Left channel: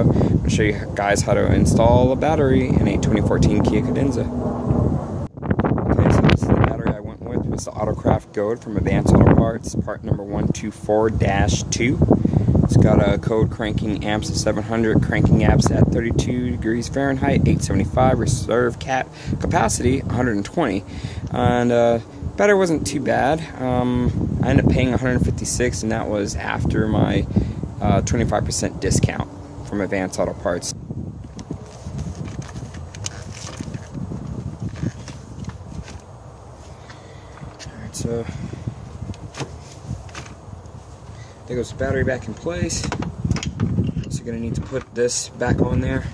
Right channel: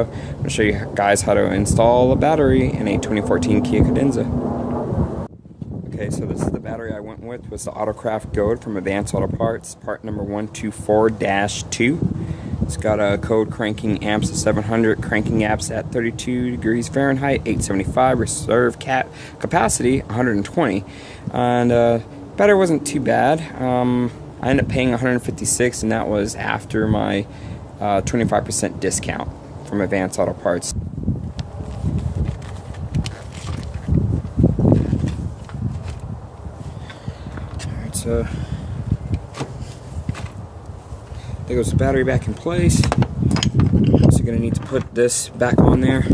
I'm going to show you guys how to install a battery in a 2014 Kia Cadenza. Okay, so this is the battery I went with. It was the Autocraft Gold from Advanced Auto Parts, part number 124-2. It's got a code cranking amps of 700, cranking amps at 32 degrees Fahrenheit, 875, reserve capacity 120. And battery wasn't too bad. I ended up paying $156, and that was after my 25% discount from Advanced Auto Parts. Alright, so there goes the battery back in place. Also gonna need to put this back on there.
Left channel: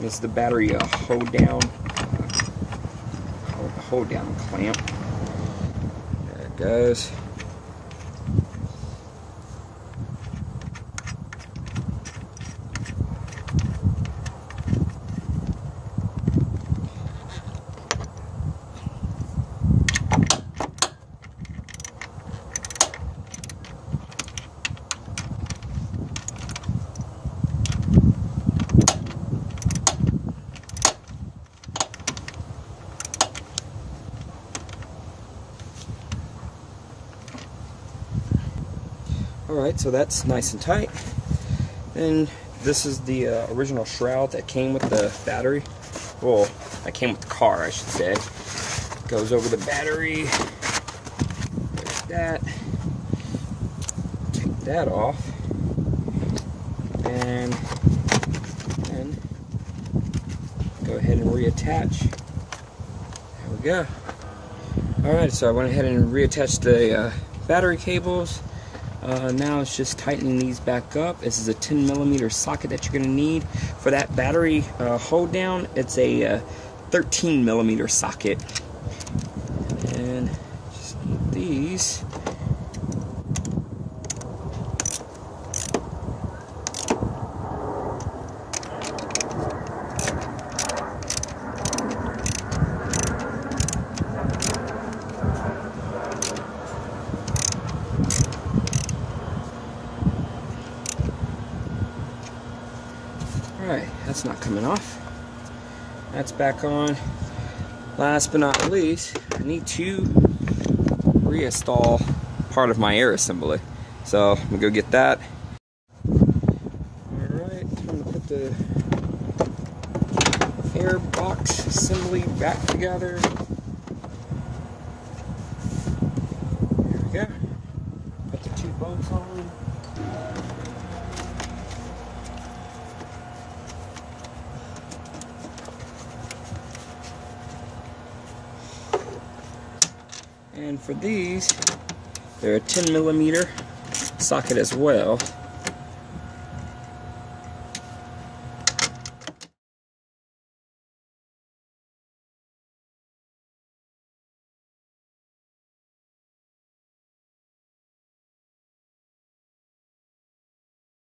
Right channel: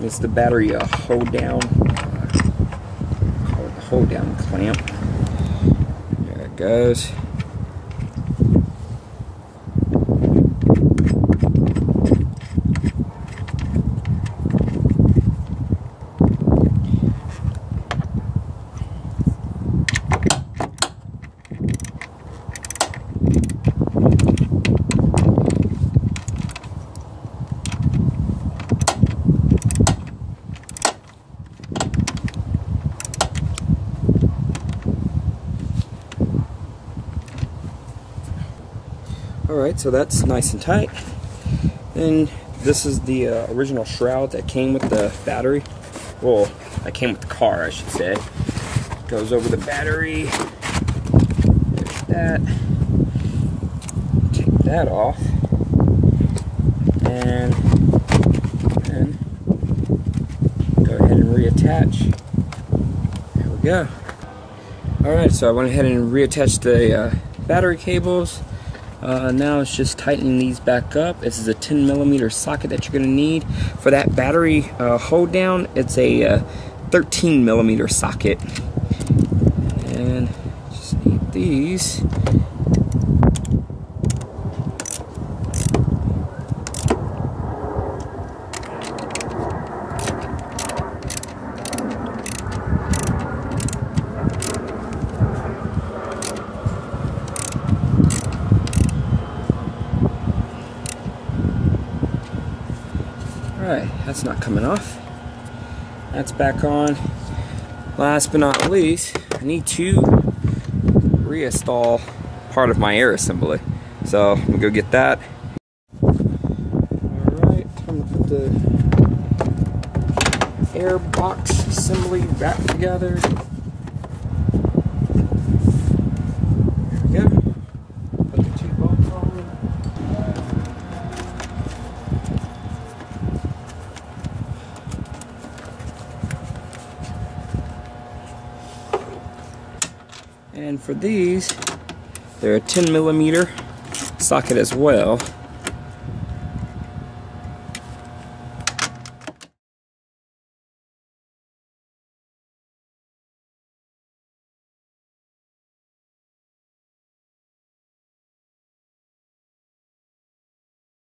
It's the battery hold down clamp. There it goes. Alright, so that's nice and tight. Then this is the original shroud that came with the battery. Well, that came with the car, I should say. Goes over the battery. There's that. Take that off. And then go ahead and reattach. There we go. Alright, so I went ahead and reattached the battery cables. Now it's just tightening these back up. This is a 10mm socket that you're going to need. For that battery hold down, it's a 13mm socket. And just need these. Alright, that's not coming off. That's back on. Last but not least, I need to reinstall part of my air assembly. So I'm gonna go get that. Alright, I'm gonna put the air box assembly back together. There we go. Put the two bolts on. And for these, they're a 10mm socket as well.